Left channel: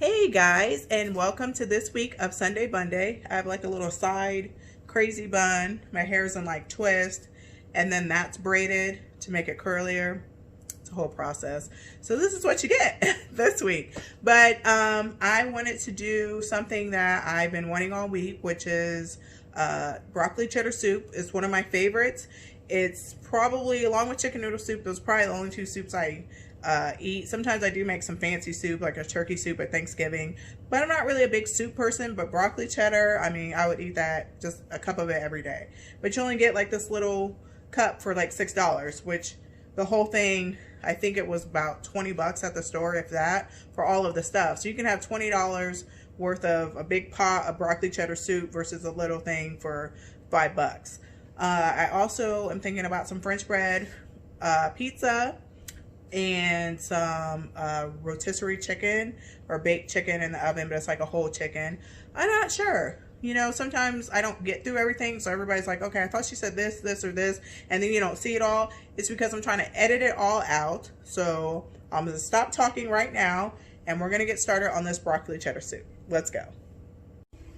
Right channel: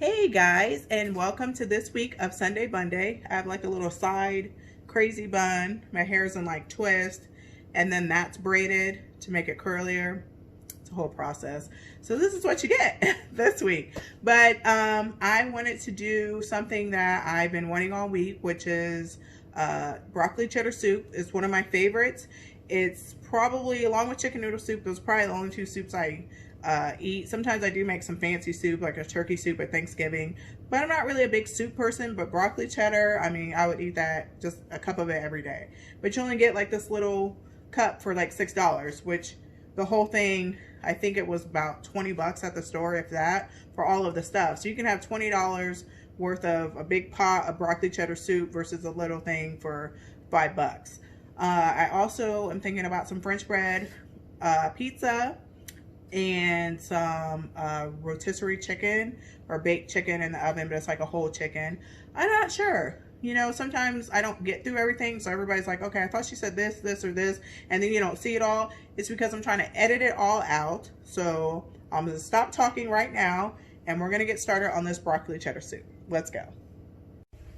Hey guys, and welcome to this week of Sunday Bunday. I have like a little side crazy bun. My hair's in like twist, and then that's braided to make it curlier. It's a whole process. So this is what you get this week. But I wanted to do something that I've been wanting all week, which is broccoli cheddar soup. It's one of my favorites. It's probably, along with chicken noodle soup, those are probably the only two soups I eat. Sometimes I do make some fancy soup, like a turkey soup at Thanksgiving, but I'm not really a big soup person. But broccoli cheddar, I mean, I would eat that, just a cup of it every day. But you only get like this little cup for like $6, which the whole thing, I think it was about 20 bucks at the store, if that, for all of the stuff. So you can have $20 worth of a big pot of broccoli cheddar soup versus a little thing for $5. I also am thinking about some French bread pizza and some rotisserie chicken or baked chicken in the oven, but it's like a whole chicken. I'm not sure. You know, sometimes I don't get through everything, so everybody's like, okay, I thought she said this, this, or this, and then you don't see it all. It's because I'm trying to edit it all out. So I'm going to stop talking right now, and we're going to get started on this broccoli cheddar soup. Let's go.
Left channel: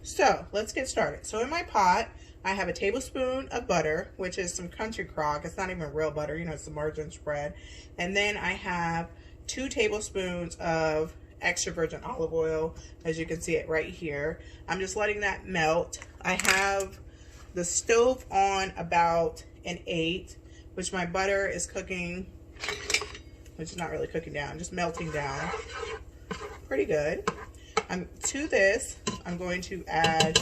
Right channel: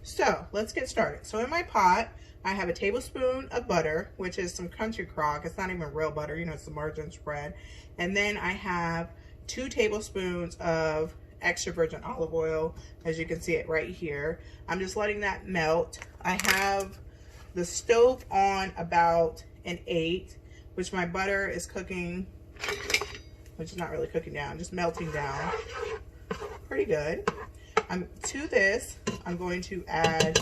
So let's get started. So in my pot, I have a tablespoon of butter, which is some country crock. It's not even real butter, you know, it's the margarine spread. And then I have 2 tablespoons of extra virgin olive oil, as you can see it right here. I'm just letting that melt. I have the stove on about an 8, which my butter is cooking, which is not really cooking down, just melting down. Pretty good. To this, I'm going to add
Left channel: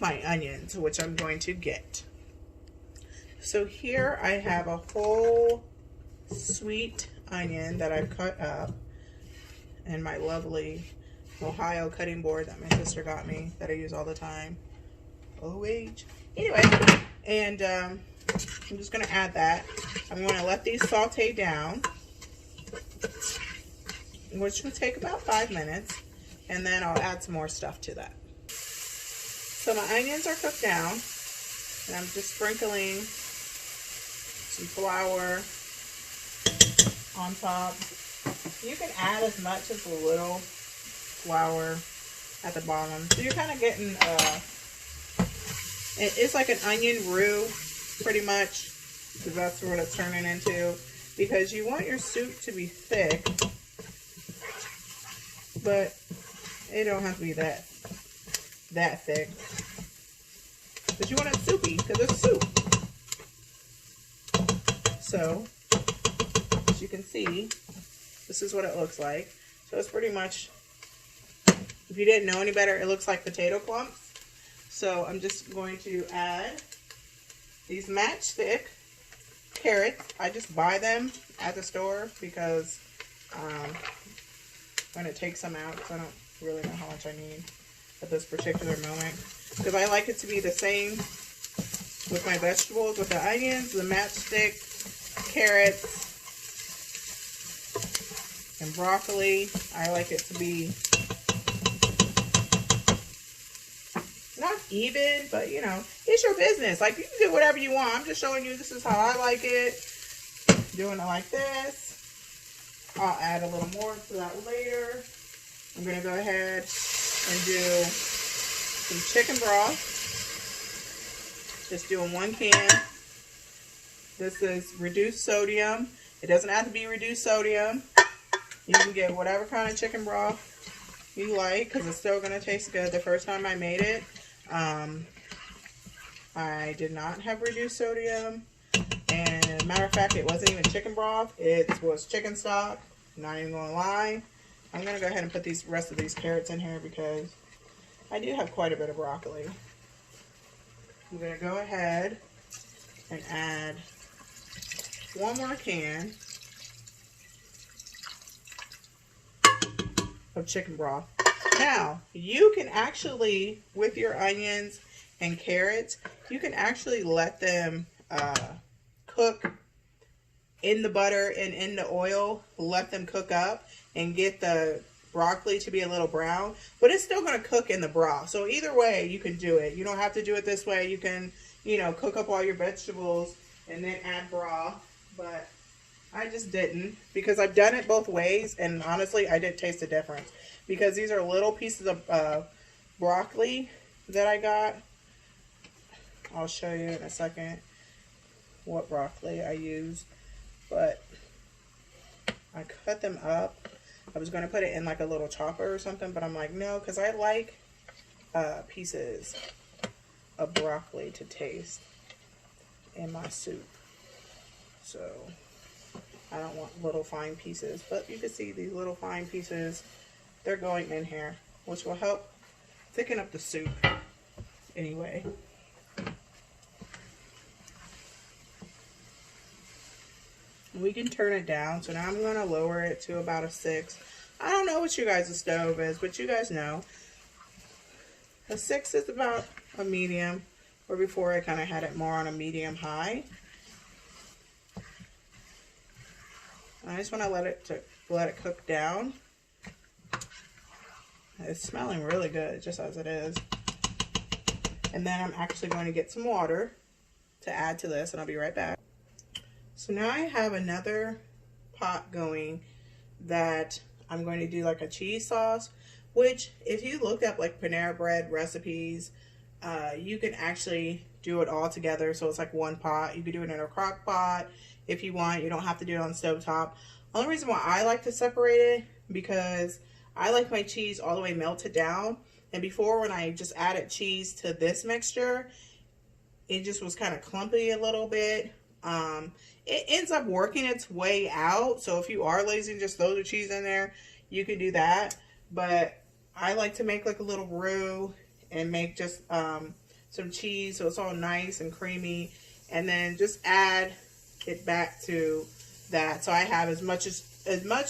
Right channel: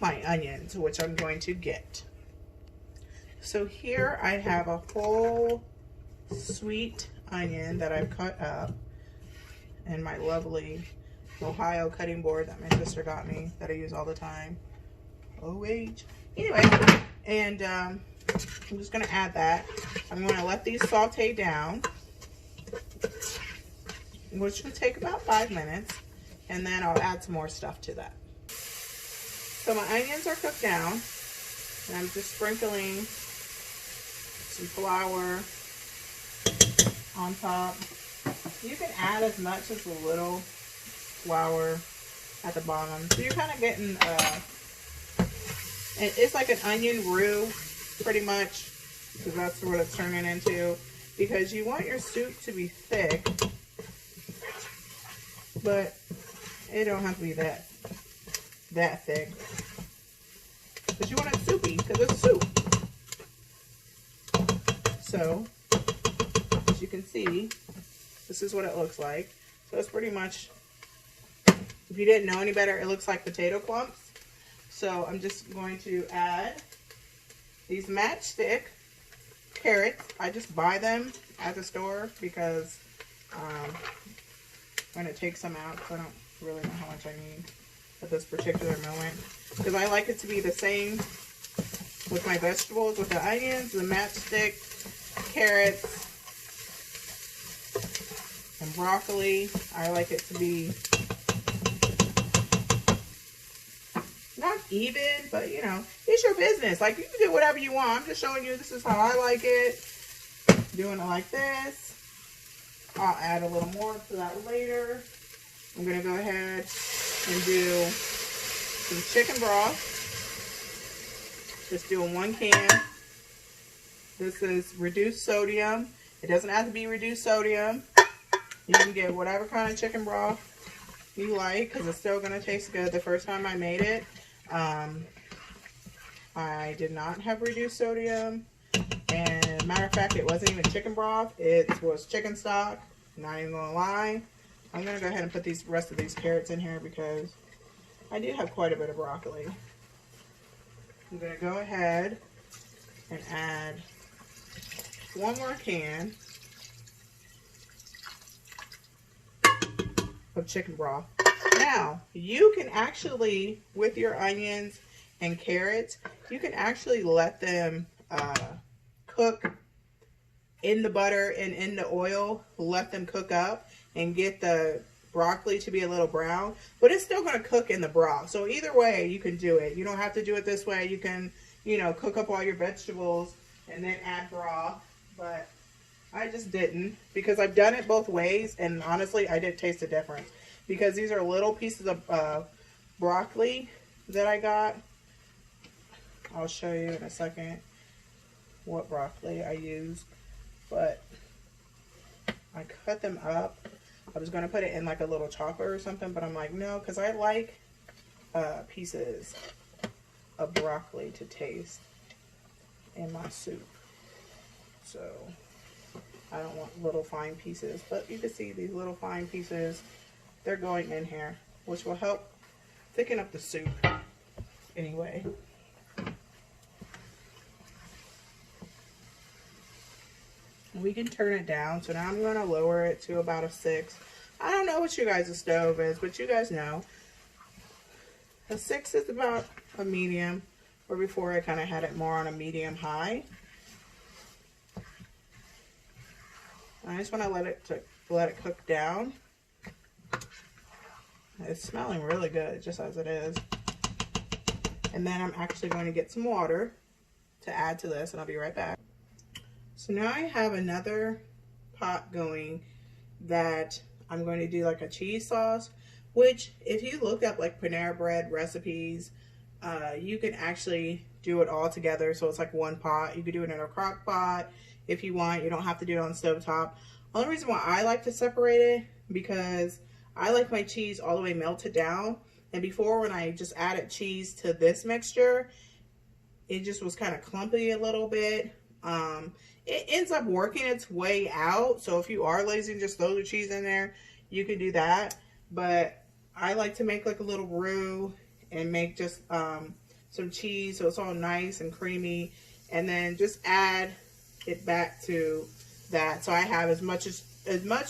my onions, which I'm going to get. So here I have a whole sweet onion that I've cut up, and my lovely Ohio cutting board that my sister got me that I use all the time. OH. Anyway, and I'm just going to add that. I'm going to let these saute down, which will take about 5 minutes, and then I'll add some more stuff to that. So my onions are cooked down, and I'm just sprinkling some flour on top. You can add as much as a little flour at the bottom. So you're kind of getting, it's like an onion roux, pretty much, because that's what it's turning into. Because you want your soup to be thick, but it don't have to be that thick. But you want it soupy because it's soup. So, as you can see, this is what it looks like. So it's pretty much, if you didn't know any better, it looks like potato clumps. So I'm just going to add these matchstick carrots. I just buy them at the store because I'm going to take some out because I don't really know how much I need at this particular moment, because I like it to be the same with my vegetables, with the onions, the matchstick, carrots, and broccoli. I like it to be not even, but you know, it's your business. Like, you can do whatever you want. I'm just showing you this is how I like it. Doing it like this. I'll add a little more to that later. I'm going to go ahead and do some chicken broth. Just doing 1 can. This is reduced sodium. It doesn't have to be reduced sodium. You can get whatever kind of chicken broth you like, because it's still going to taste good. The first time I made it, I did not have reduced sodium. And matter of fact, it wasn't even chicken broth. It was chicken stock. Not even going to lie. I'm going to go ahead and put these rest of these carrots in here because I do have quite a bit of broccoli. I'm going to go ahead and add 1 more can of chicken broth. Now, you can actually, with your onions and carrots, you can actually let them cook in the butter and in the oil. Let them cook up and get the broccoli to be a little brown, but it's still going to cook in the broth. So either way you can do it. You don't have to do it this way. You can, you know, cook up all your vegetables and then add broth, but I just didn't, because I've done it both ways, and honestly I did taste a difference. because these are little pieces of broccoli that I got. I'll show you in a second what broccoli I use, but I cut them up. I was going to put it in like a little chopper or something, but I'm like, no, because I like pieces of broccoli to taste in my soup. So I don't want little fine pieces, but you can see these little fine pieces, they're going in here, which will help thicken up the soup anyway. We can turn it down, so now I'm going to lower it to about a 6. I don't know what you guys' stove is, but you guys know. A 6 is about a medium, or before I kind of had it more on a medium high. I just want to let it cook down. It's smelling really good, just as it is. And then I'm actually going to get some water to add to this, and I'll be right back. So now I have another pot going that I'm going to do like a cheese sauce, which if you look up like Panera Bread recipes, you can actually do it all together. So it's like one pot. You could do it in a crock pot if you want. You don't have to do it on the stovetop. Only reason why I like to separate it, because I like my cheese all the way melted down. And before, when I just added cheese to this mixture, it just was kind of clumpy a little bit. It ends up working its way out. So if you are lazy and just throw the cheese in there, you can do that. But I like to make like a little roux and make just some cheese so it's all nice and creamy. And then just add it back to that. So I have as much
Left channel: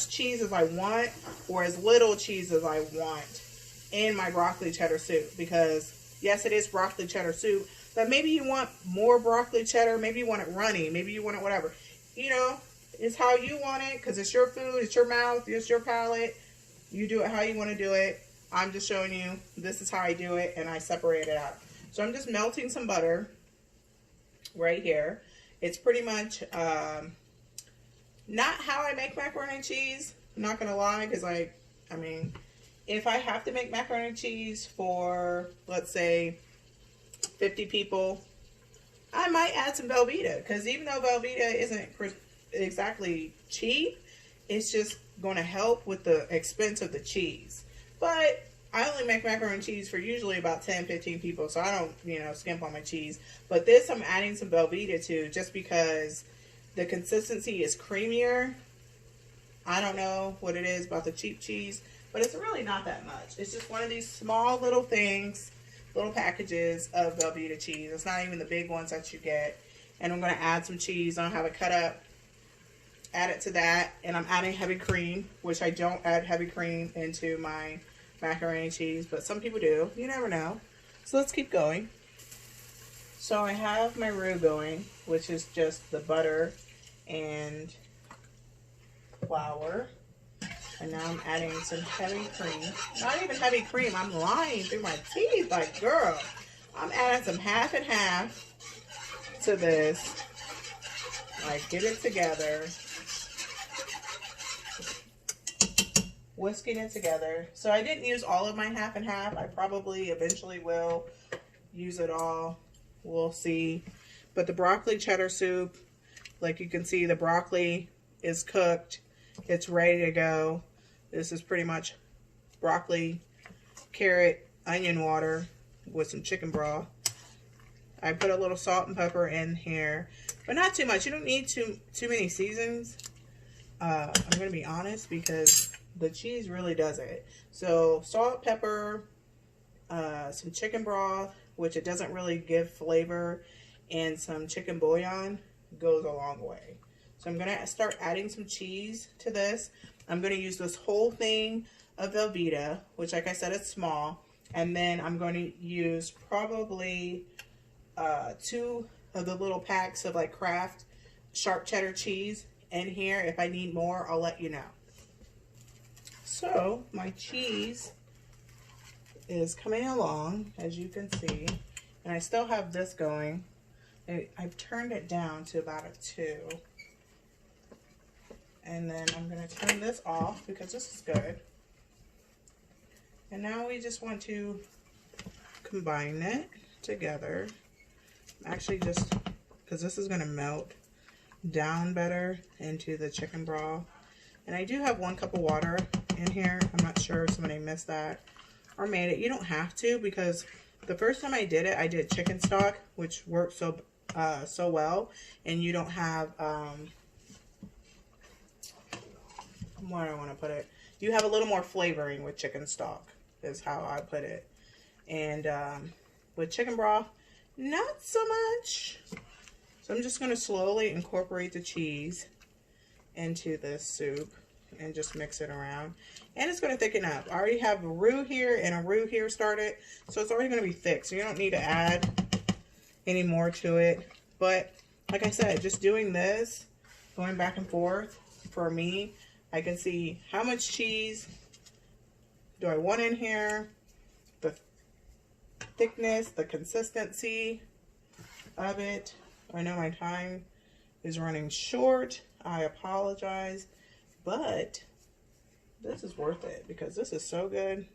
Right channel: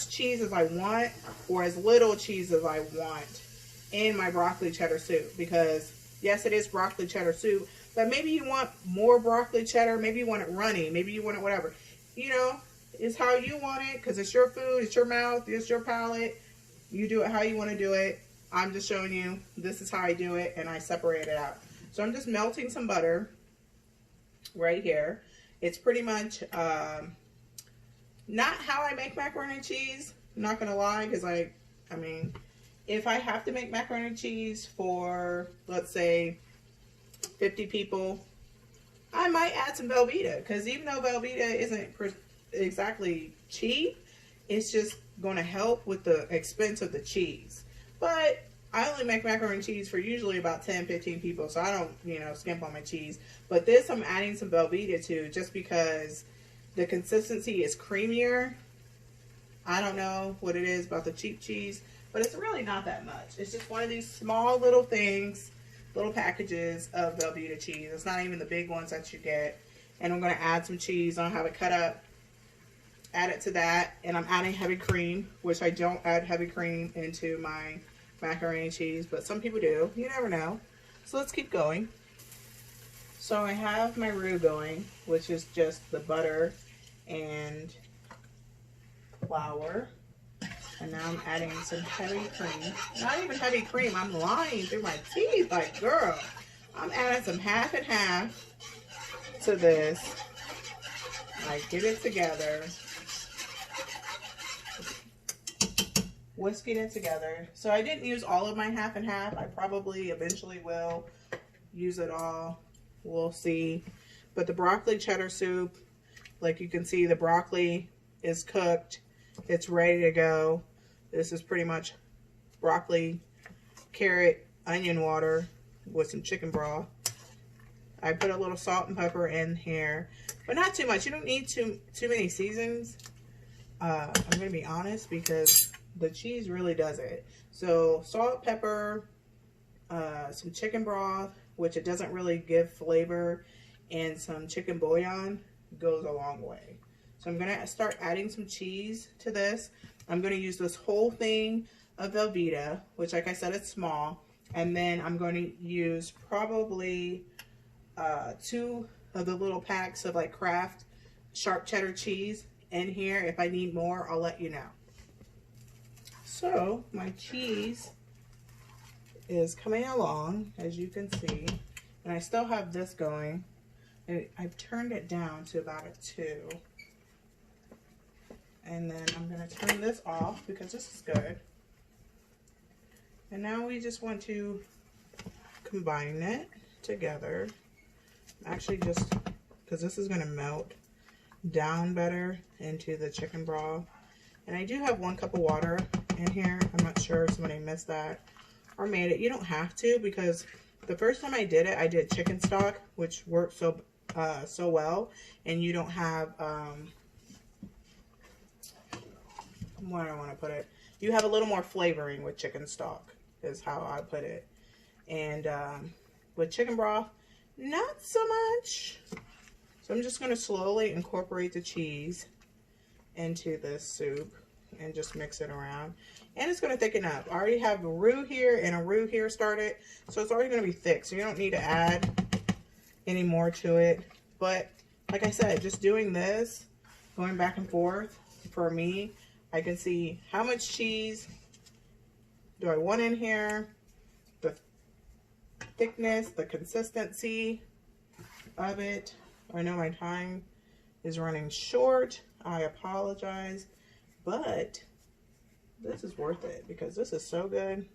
cheese as I want, or as little cheese as I want in my broccoli cheddar soup. Because yes, it is broccoli cheddar soup, but maybe you want more broccoli cheddar, maybe you want it runny, maybe you want it whatever. You know, it's how you want it, because it's your food, it's your mouth, it's your palate. You do it how you want to do it. I'm just showing you, this is how I do it, and I separate it out. So I'm just melting some butter right here. It's pretty much not how I make macaroni and cheese, I'm not going to lie, because I mean, if I have to make macaroni and cheese for, let's say, 50 people, I might add some Velveeta, because even though Velveeta isn't exactly cheap, it's just going to help with the expense of the cheese. But I only make macaroni and cheese for usually about 10-15 people, so I don't, you know, skimp on my cheese. But this I'm adding some Velveeta to, just because the consistency is creamier. I don't know what it is about the cheap cheese, but it's really not that much. It's just one of these small little things, little packages of Velveeta cheese. It's not even the big ones that you get. And I'm going to add some cheese. I don't have it cut up. Add it to that. And I'm adding heavy cream, which I don't add heavy cream into my macaroni and cheese, but some people do. You never know. So let's keep going. So I have my roux going, which is just the butter and flour. And now I'm adding some heavy cream. Not even heavy cream. I'm lying through my teeth like, girl. I'm adding some half and half to this. Like, get it together. Whisking it together. So I didn't use all of my half and half. I probably eventually will use it all. We'll see. But the broccoli cheddar soup, like you can see, the broccoli is cooked. It's ready to go. This is pretty much broccoli, carrot, onion water with some chicken broth. I put a little salt and pepper in here, but not too much. You don't need too many seasons. I'm going to be honest, because the cheese really does it. So salt, pepper, some chicken broth, which it doesn't really give flavor, and some chicken bouillon goes a long way. So I'm going to start adding some cheese to this. I'm going to use this whole thing of Velveeta, which, like I said, it's small. And then I'm going to use probably 2 of the little packs of like Kraft sharp cheddar cheese in here. If I need more, I'll let you know. So my cheese is coming along, as you can see. And I still have this going. I've turned it down to about a 2. And then I'm going to turn this off, because this is good. And now we just want to combine it together. Actually, just because this is going to melt down better into the chicken broth. And I do have 1 cup of water in here. I'm not sure if somebody missed that or made it. You don't have to, because the first time I did it, I did chicken stock, which worked so well. And you don't have, where do I want to put it? You have a little more flavoring with chicken stock, is how I put it. And with chicken broth, not so much. So I'm just going to slowly incorporate the cheese into this soup and just mix it around. And it's going to thicken up. I already have a roux here and a roux here started, so it's already going to be thick. So you don't need to add any more to it. But like I said, just doing this, going back and forth, for me, I can see how much cheese do I want in here, the thickness, the consistency of it. I know my time is running short. I apologize, but this is worth it because this is so good.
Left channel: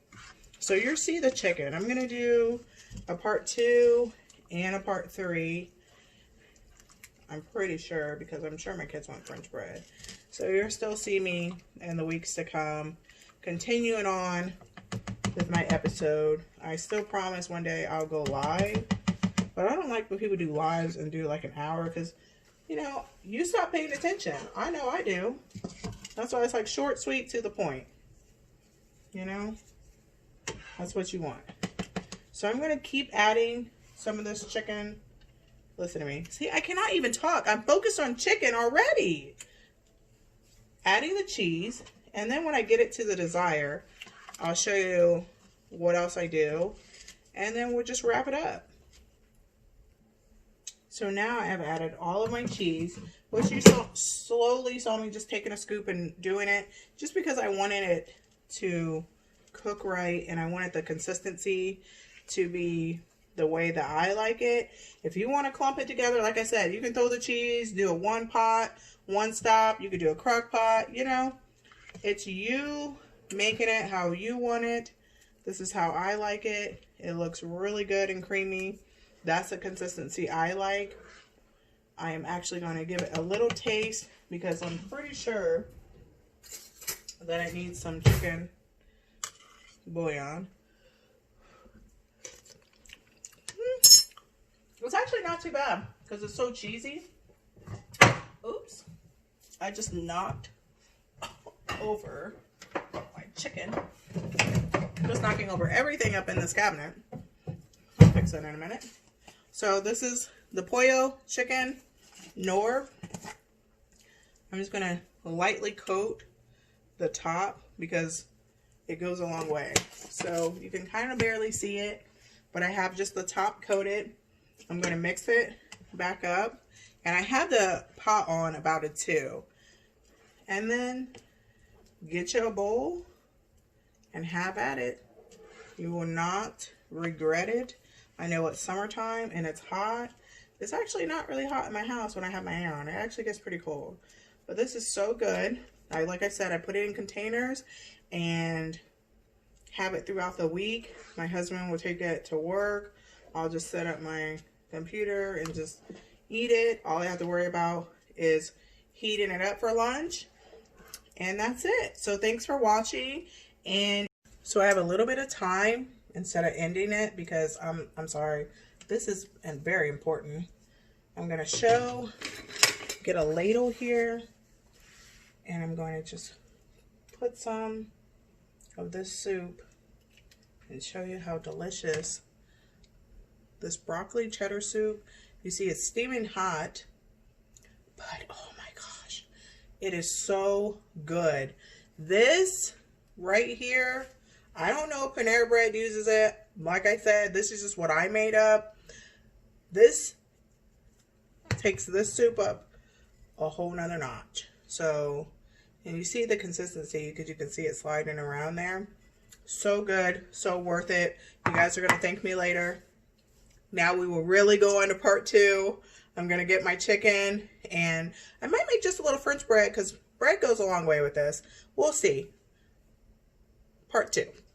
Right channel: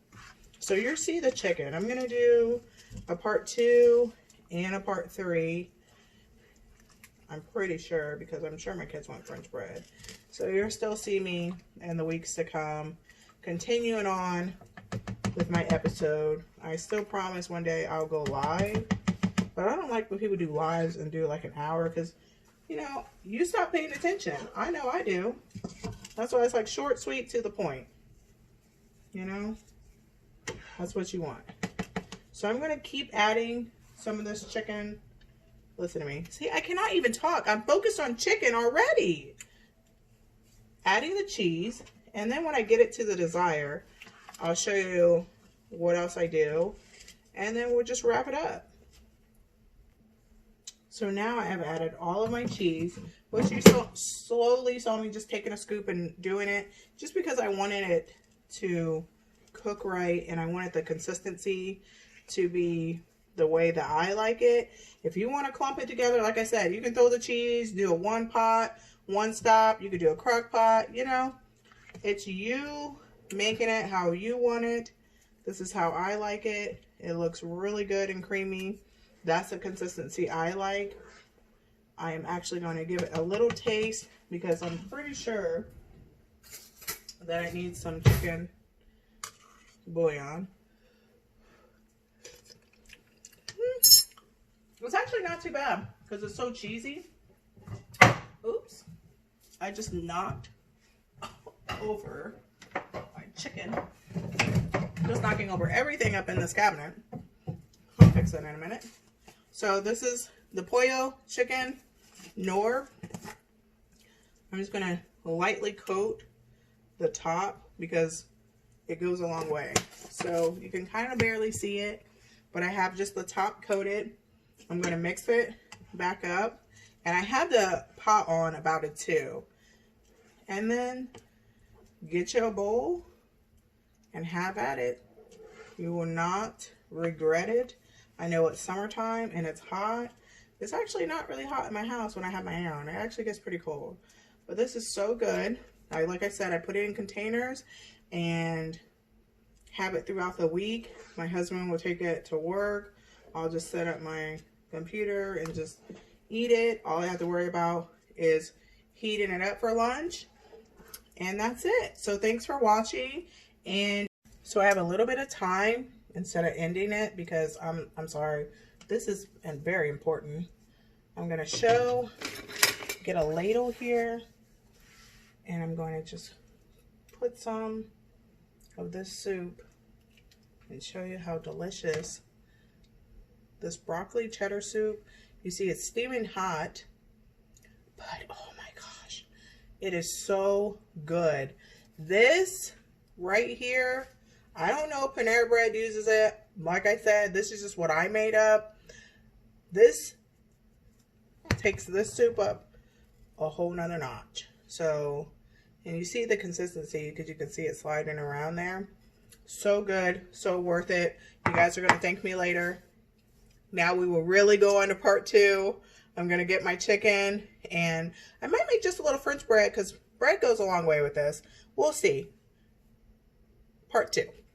So you'll see the chicken. I'm going to do a part 2 and a part 3. I'm pretty sure, because I'm sure my kids want French bread. So you'll still see me in the weeks to come continuing on with my episode. I still promise one day I'll go live, but I don't like when people do lives and do like an hour, because, you know, you stop paying attention. I know I do. That's why it's like short, sweet, to the point. You know, that's what you want. So I'm going to keep adding some of this chicken. Listen to me. See, I cannot even talk. I'm focused on chicken already. Adding the cheese, and then when I get it to the desire, I'll show you what else I do, and then we'll just wrap it up. So now I have added all of my cheese, which you slowly saw me just taking a scoop and doing it, just because I wanted it to cook right, and I wanted the consistency to be the way that I like it. If you want to clump it together, like I said, you can throw the cheese, do a 1 pot, 1 stop. You could do a crock pot, you know. It's you making it how you want it. This is how I like it. It looks really good and creamy. That's the consistency I like. I am actually going to give it a little taste because I'm pretty sure that I need some chicken bouillon. It's actually not too bad because it's so cheesy. Oops. I just knocked over my chicken. Just knocking over everything up in this cabinet. I'll fix it in a minute. So this is the pollo chicken Knorr. I'm just going to lightly coat the top because it goes a long way. So you can kind of barely see it, but I have just the top coated. I'm going to mix it back up. And I had the pot on about it too. And then get you a bowl and have at it. You will not regret it. I know it's summertime and it's hot. It's actually not really hot in my house when I have my hair on. It actually gets pretty cold. But this is so good. Like I said, I put it in containers and have it throughout the week. My husband will take it to work. I'll just set up my computer and just eat it. All I have to worry about is heating it up for lunch. And that's it. So thanks for watching. And so I have a little bit of time instead of ending it because I'm sorry. This is very important. I'm going to get a ladle here, and I'm going to just put some of this soup and show you how delicious this broccoli cheddar soup. You see it's steaming hot, but oh my gosh, it is so good. This right here, I don't know if Panera Bread uses it. Like I said, this is just what I made up. This takes this soup up a whole nother notch. So, and you see the consistency because you can see it sliding around there. So good, so worth it. You guys are going to thank me later. Now we will really go on to part 2. I'm going to get my chicken, and I might make just a little French bread because bread goes a long way with this. We'll see. Part 2.